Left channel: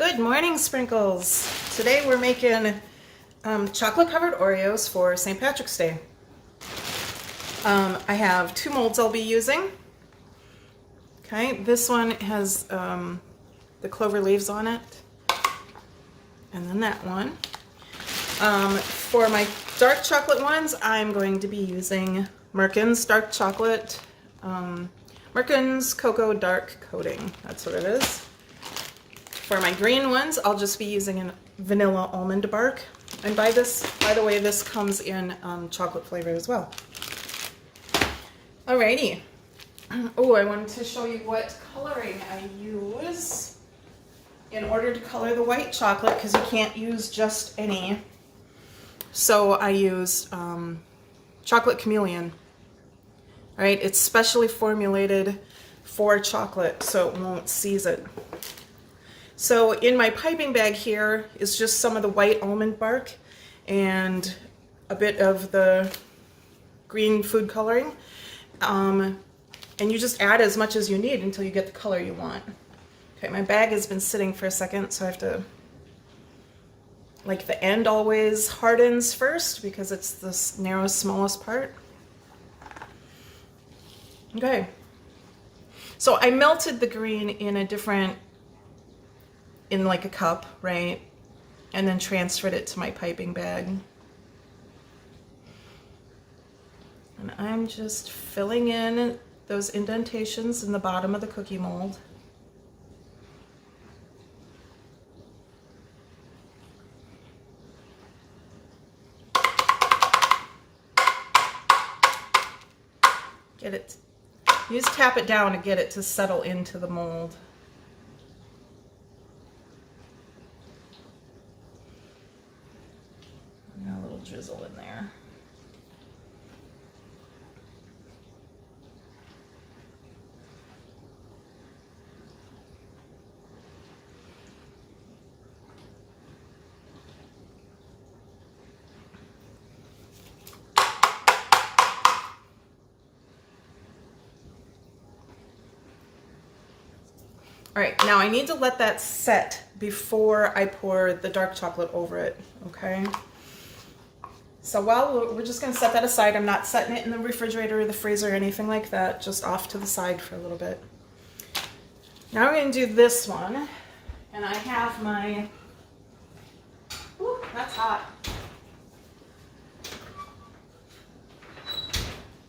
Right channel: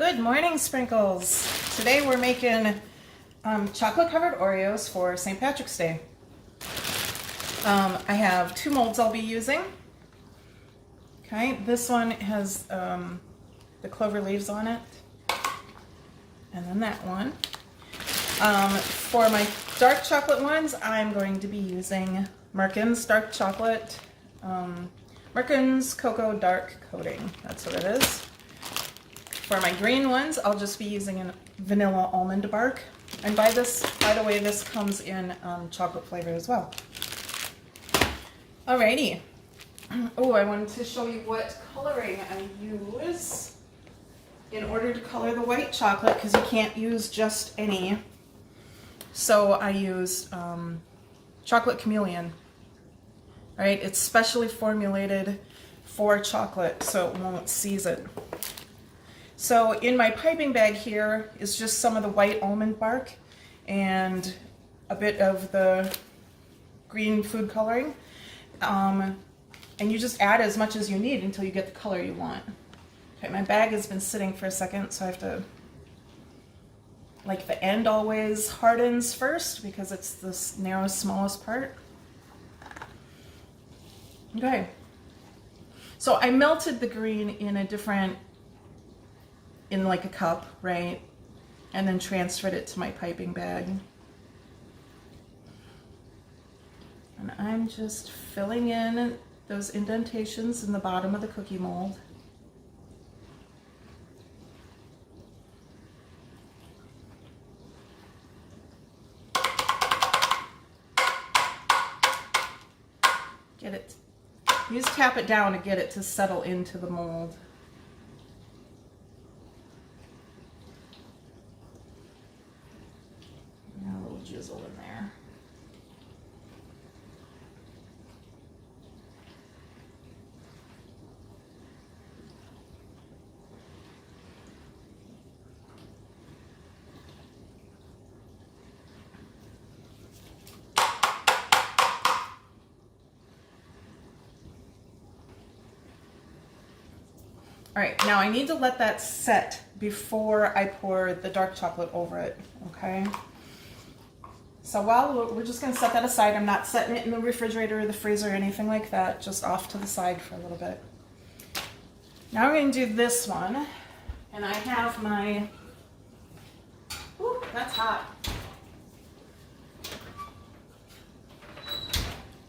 Good morning, Sprinkles. Today we're making chocolate covered Oreos for St. Patrick's Day. I have two molds I'll be using. Okay, this one has the clover leaves on it, and then that one. For my dark chocolate ones, I'm going to be using Merkin's dark chocolate, Merkin's Cocoa Dark Coating. That's what it is. For my green ones, I'll just be using a vanilla almond bark. And by the way, this comes in chocolate flavor as well. Alrighty. Oh, I wanted to show you what coloring I use in order to color the white chocolate, because you can't use just any. So I use chocolate chameleon. All right, it's specially formulated for chocolate, so it won't seize it. So in my piping bag here is just some of the white almond bark and a bit of the green food coloring. And you just add as much as you need until you get the color you want. Okay, my bag has been sitting for a second, so I have to, like, the end always hardens first because it's the narrowest, smallest part. Okay, so I melted the green in like a cup, right? And then transferred it to my piping bag. And I'm just filling in those indentations in the bottom of the cookie mold. You just tap it down to get it to settle into the mold. A little drizzle in there. All right, now I need to let that set before I pour the dark chocolate over it, okay? So we're just gonna set that aside. I'm not setting it in the refrigerator or the freezer or anything like that, just off to the side for a little bit. Now we're gonna do this one, and I have my, ooh, that's hot.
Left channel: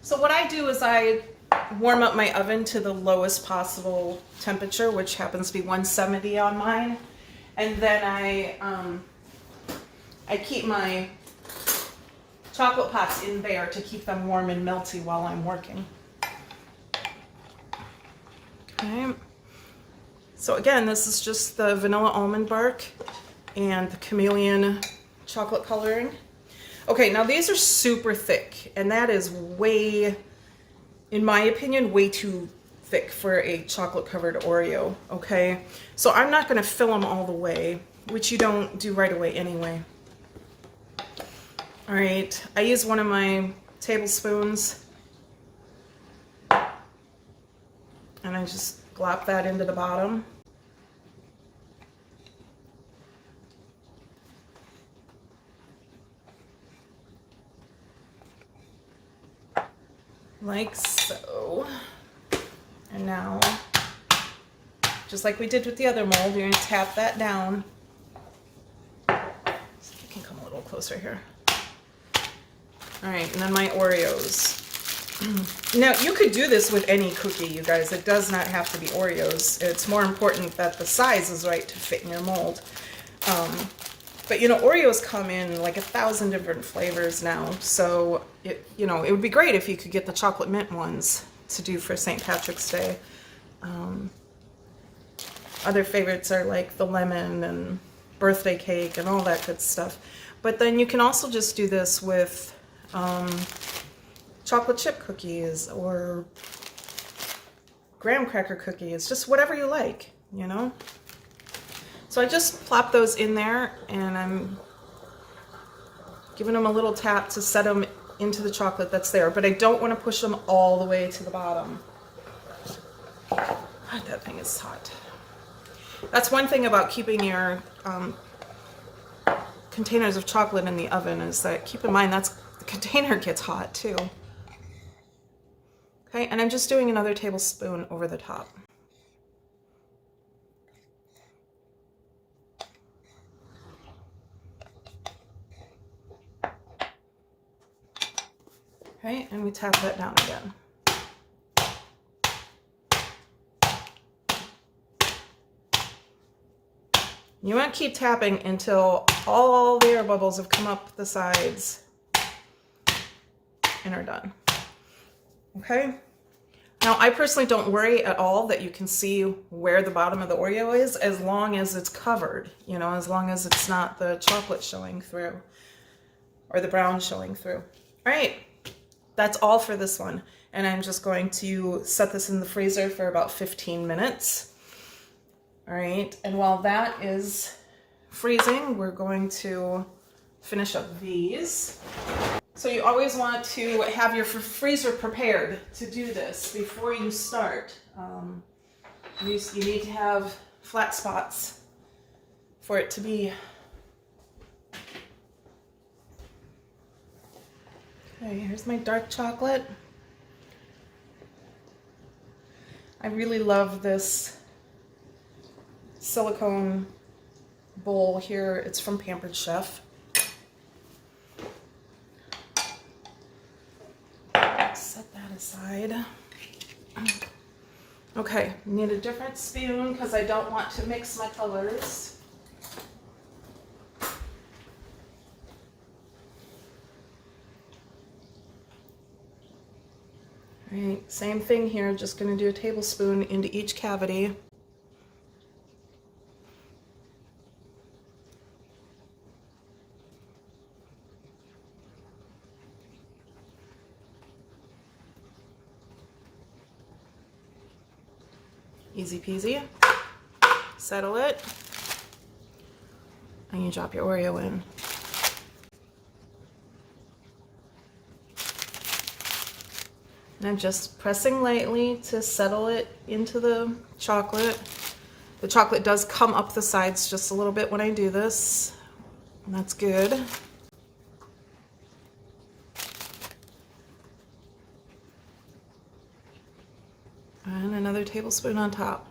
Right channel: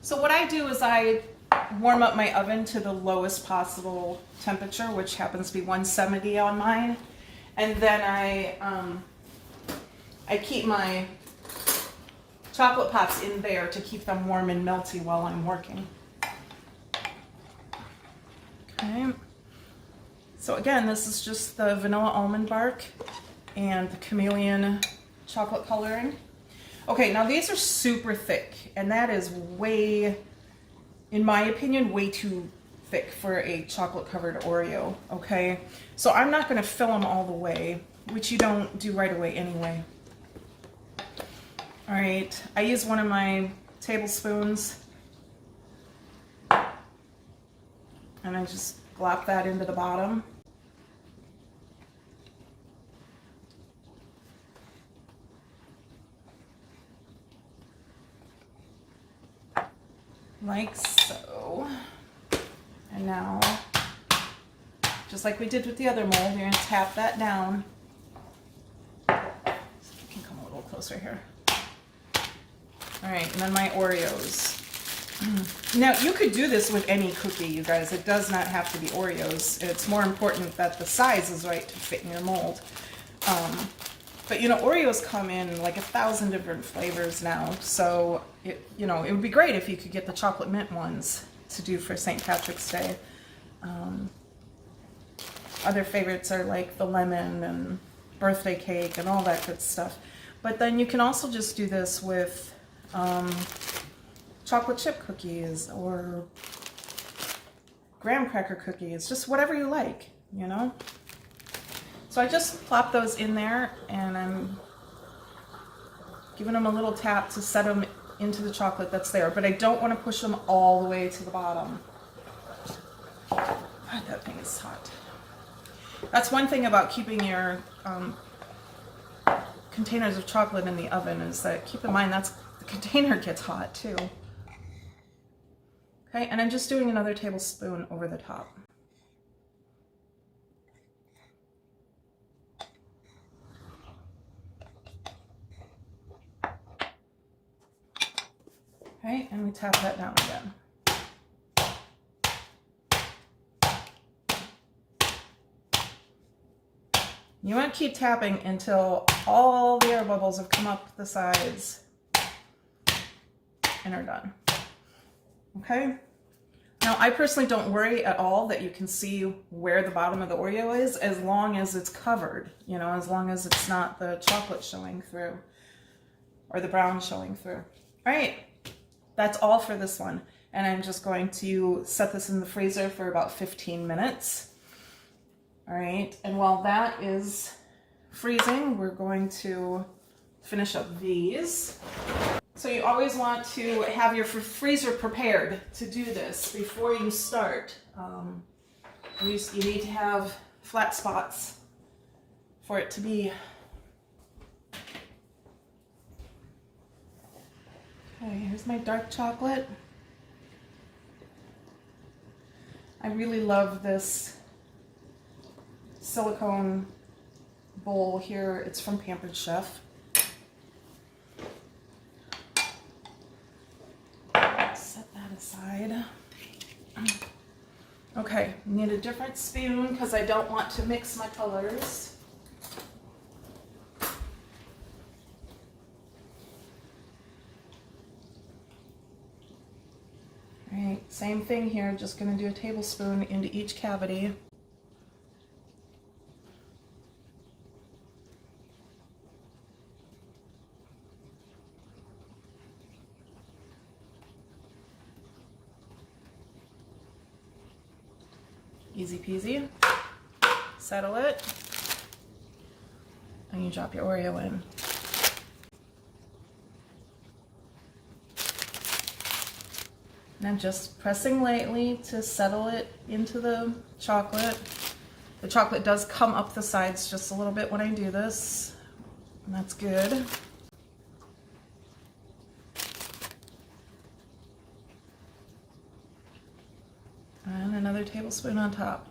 So what I do is I warm up my oven to the lowest possible temperature, which happens to be 170 on mine, and then I keep my chocolate pots in there to keep them warm and melty while I'm working. Okay, so again, this is just the vanilla almond bark and the chameleon chocolate coloring. Okay, now these are super thick, and that is way, in my opinion, way too thick for a chocolate covered Oreo, okay? So I'm not gonna fill them all the way, which you don't do right away anyway. All right, I use one of my tablespoons and I just glop that into the bottom. Like so. And now, just like we did with the other mold, you're gonna tap that down. So you can come a little closer here. All right, and then my Oreos. Now, you could do this with any cookie, you guys. It does not have to be Oreos. It's more important that the size is right to fit in your mold. But you know, Oreos come in like 1,000 different flavors now. So, it would be great if you could get the chocolate mint ones to do for St. Patrick's Day. Other favorites are like the lemon and birthday cake and all that good stuff. But then you can also just do this with chocolate chip cookies or graham cracker cookies, just whatever you like, you know? So I just plop those in there, and I'm giving them a little tap to set them into the chocolate that's there, but I don't want to push them all the way to the bottom. God, that thing is hot. That's one thing about keeping your containers of chocolate in the oven, is that keep in mind the container gets hot too. Okay, and I'm just doing another tablespoon over the top. Okay, and we tap that down again. You want to keep tapping until all the air bubbles have come up the sides and are done. Okay? Now, I personally don't worry at all that you can see where the bottom of the Oreo is, as long as it's covered, you know, as long as it's not the chocolate showing through or the brown showing through. All right, that's all for this one. And I'm just going to set this in the freezer for about 15 minutes. All right, and while that is freezing, we're going to finish up these. So you always want to have your freezer prepared to do this before you start. You need to have flat spots for it to be. Okay, here's my dark chocolate. I really love this silicone bowl here. It's from Pampered Chef. Set that aside. Okay, need a different spoon because I don't want to mix my colors. All right, same thing here, just going to do a tablespoon into each cavity. Easy peasy. Settle it. And you drop your Oreo in. And I'm just pressing lightly to settle it into the chocolate. The chocolate does come up the sides just a little bit when I do this, and that's good. And another tablespoon on top.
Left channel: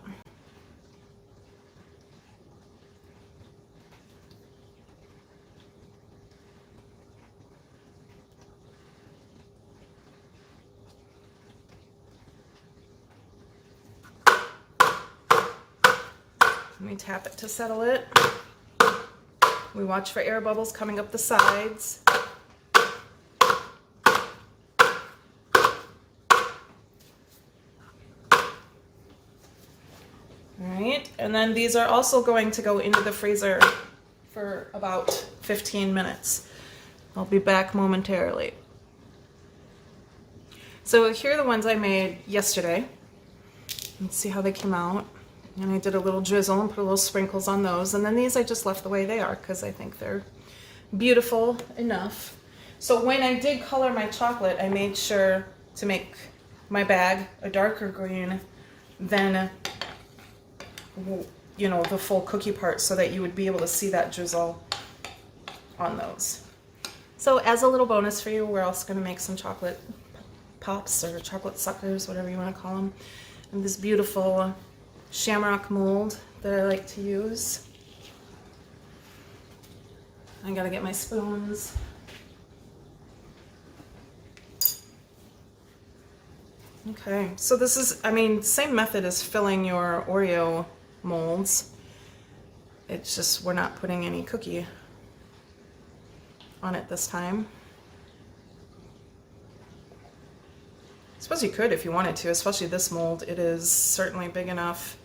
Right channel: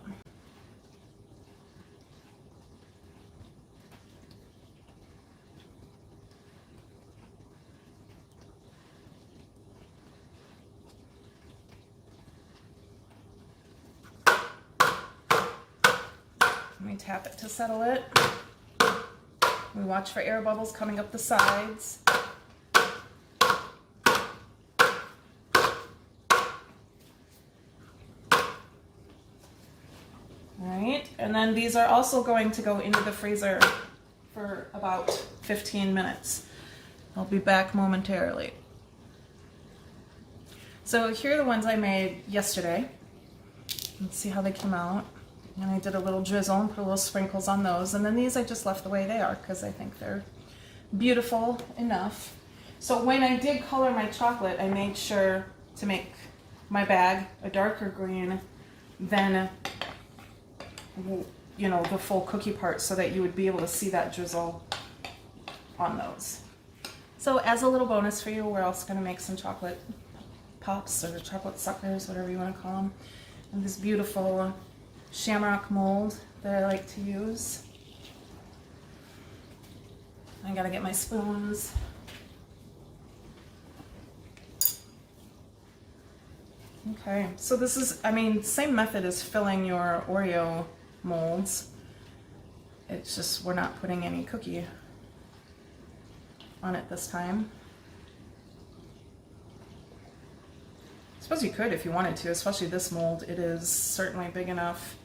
Let me tap it to settle it. We watch for air bubbles coming up the sides. Alright, and then these are also going to go into the freezer for about 15 minutes. I'll be back momentarily. So here are the ones I made yesterday. Let's see how they came out. And I did a little drizzle and put a little sprinkles on those. And then these I just left the way they are because I think they're beautiful enough. So when I did color my chocolate, I made sure to make my bag a darker green than, you know, the full cookie part, so that you would be able to see that drizzle on those. So as a little bonus for you, we're also going to make some chocolate pops or chocolate suckers, whatever you want to call them. And this beautiful shamrock mold that I like to use. I gotta get my spoons. Okay, so this is, I mean, same method as filling your Oreo molds. It's just we're not putting any cookie on it this time. I suppose you could if you wanted to, especially this mold. It is certainly big enough.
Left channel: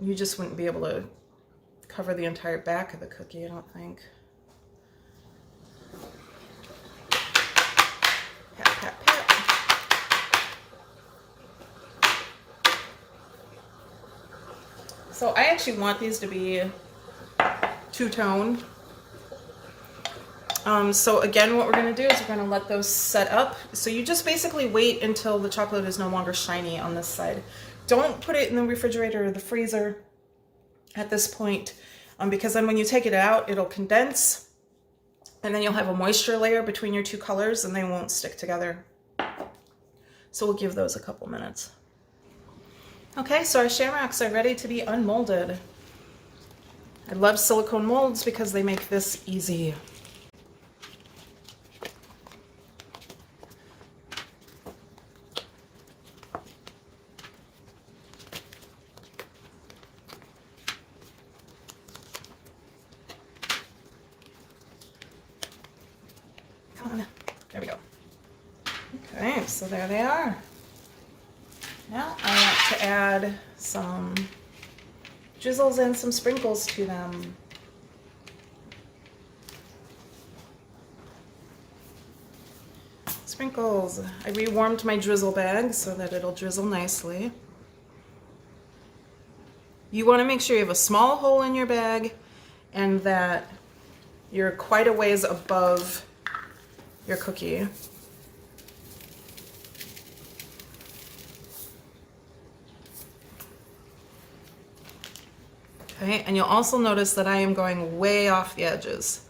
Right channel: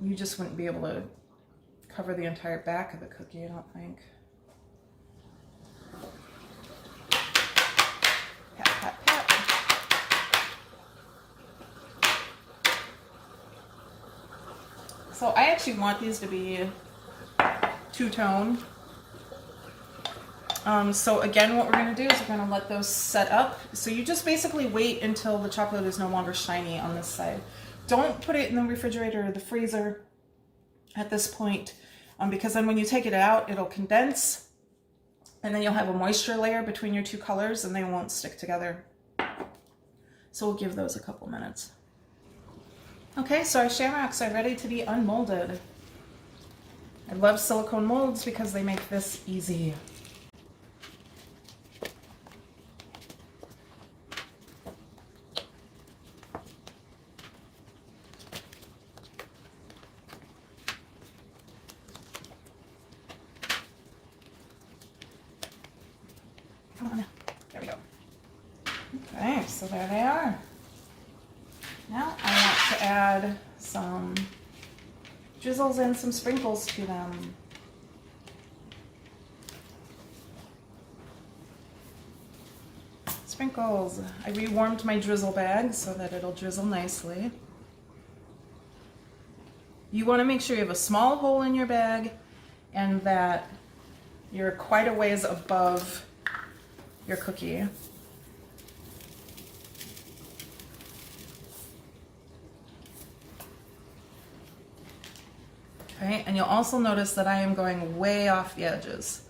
You just wouldn't be able to cover the entire back of the cookie, I don't think. Pat, pat, pat. So I actually want these to be two-tone. So again, what we're going to do is we're going to let those set up. So you just basically wait until the chocolate is no longer shiny on this side. Don't put it in the refrigerator or the freezer at this point, because then when you take it out, it'll condense, and then you'll have a moisture layer between your two colors and they won't stick together. So we'll give those a couple minutes. Okay, so our shamrocks are ready to be unmolded. I love silicone molds because they make this easy. Come on, there we go. Okay, so there they are. Now I want to add some drizzles and some sprinkles to them. Sprinkles. I rewarmed my drizzle bag so that it'll drizzle nicely. You want to make sure you have a small hole in your bag and that you're quite a ways above your cookie. Okay, and you'll also notice that I am going way off the edges.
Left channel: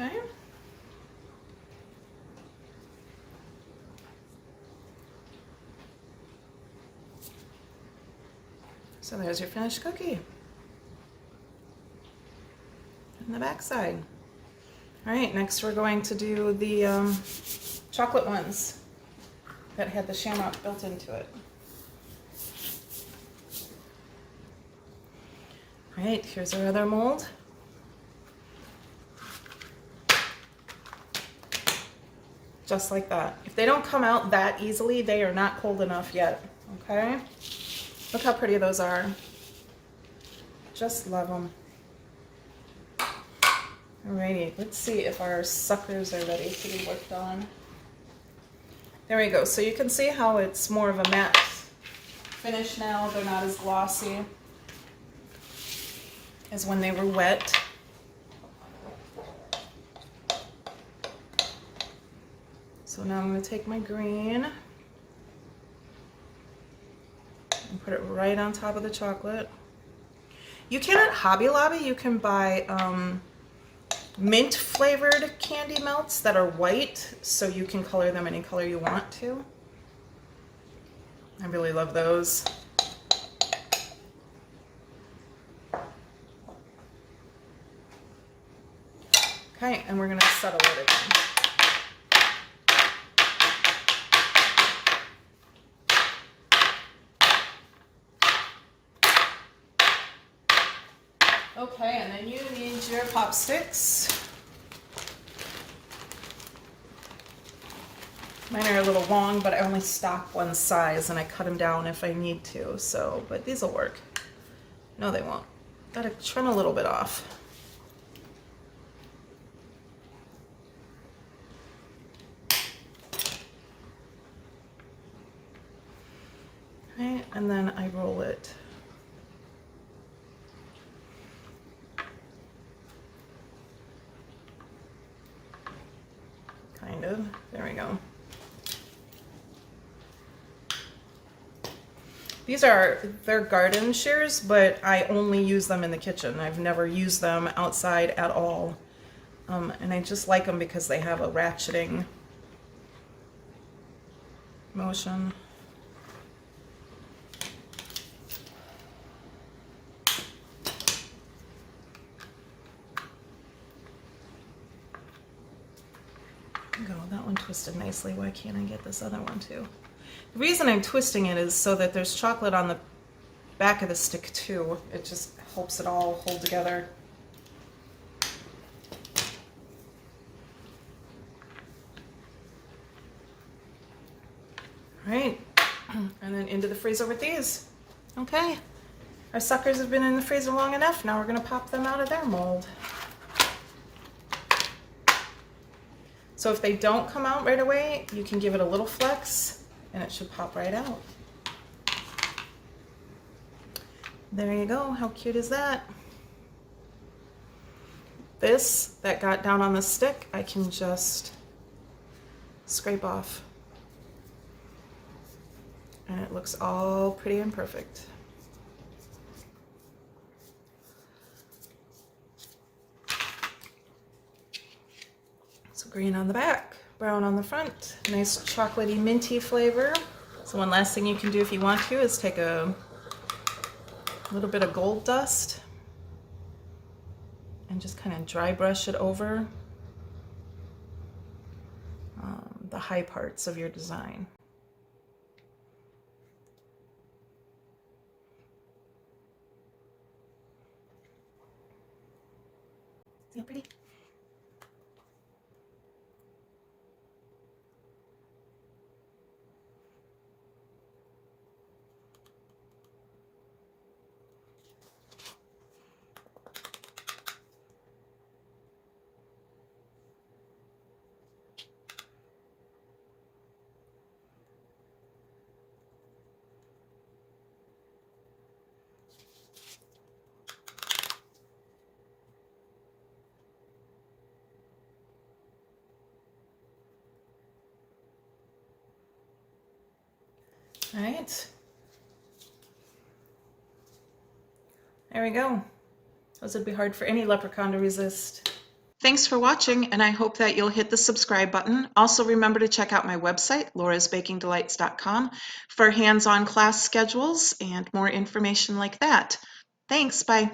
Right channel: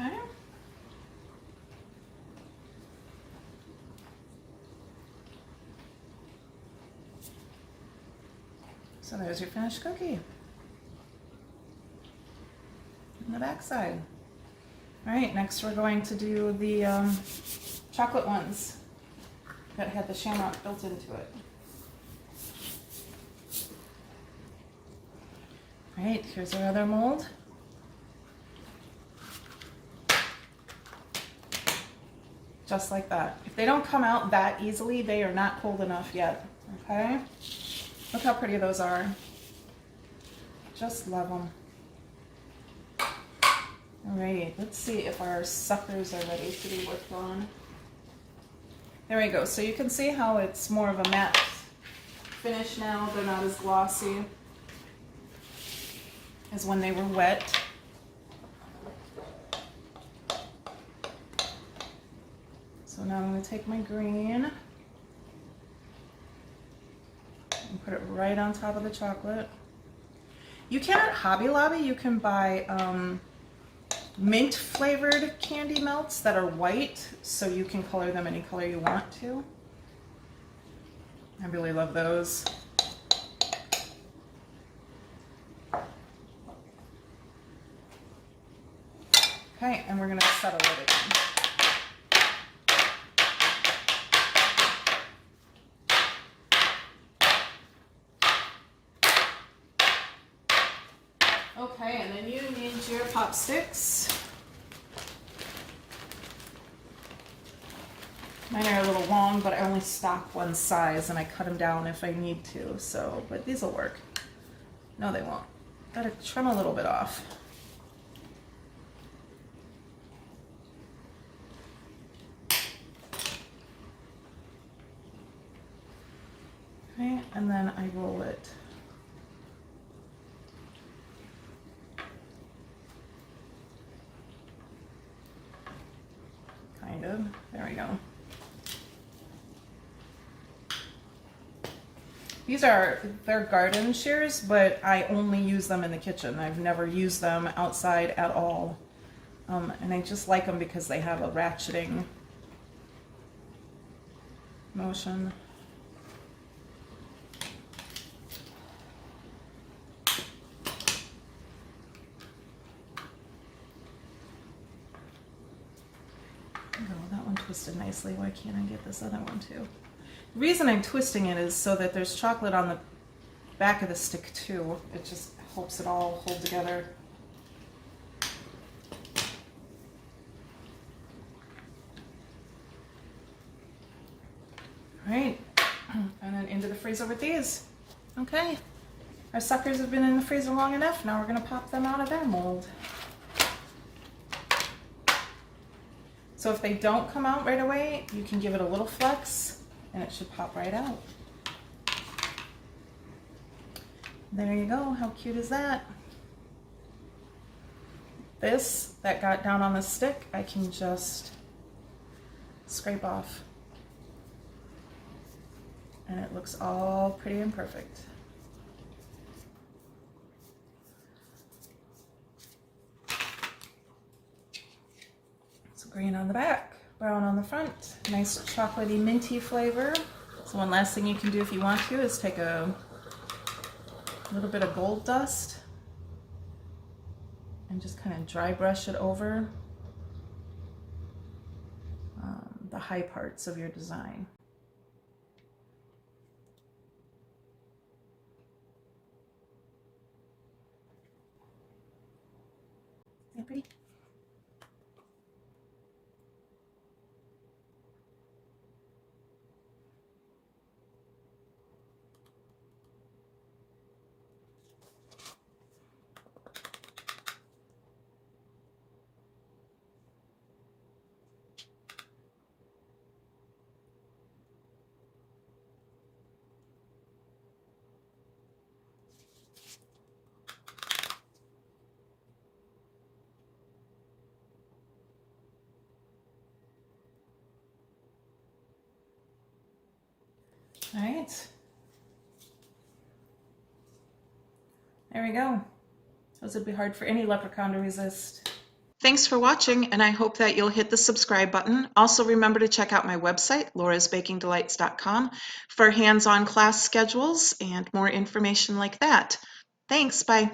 Okay. So there's your finished cookie. And the back side. All right, next we're going to do the chocolate ones that had the shamrock built into it. All right, here's our other mold. Just like that. If they don't come out that easily, they are not cold enough yet, okay? Look how pretty those are. Just love them. Alrighty, let's see if our suckers are ready to be worked on. There we go. So you can see how it's more of a matte finish now. They're not as glossy as when they were wet. So now I'm going to take my green and put it right on top of the chocolate. You can at Hobby Lobby, you can buy mint flavored candy melts that are white, so you can color them any color you want to. I really love those. Okay, and we're going to settle it again. Okay, and then you need your pop sticks. Mine are a little long, but I only stock one size and I cut them down if I need to, so, but these will work. No, they won't. Gotta trim a little bit off. Okay, and then I roll it. Kind of. There we go. They're garden shears, but I only use them in the kitchen. I've never used them outside at all. And I just like them because they have a ratcheting motion. Go, that one twisted nicely. Why can't I get this other one too? The reason I'm twisting it is so that there's chocolate on the back of the stick too. It just helps it all hold together. All right, and then into the freezer with these. Okay, Our suckers have been in the freezer long enough. Now we're going to pop them out of their mold. So if they don't come out right away, you can give it a little flex and it should pop right out. There you go. How cute is that? This that got down on the stick, I can just scrape off. And it looks all pretty and perfect. So green on the back, brown on the front, nice chocolatey minty flavor. So one last thing you can do if you want to is take a little bit of gold dust and just kind of dry brush it over the high parts of your design. Isn't that pretty? All right. There we go. Those would be hard for any leprechaun to resist. Thanks for watching, and I hope that you'll hit the subscribe button. Also remember to check out my website, laurasbakingdelights.com, for hands-on class schedules and more information like that. Thanks, bye.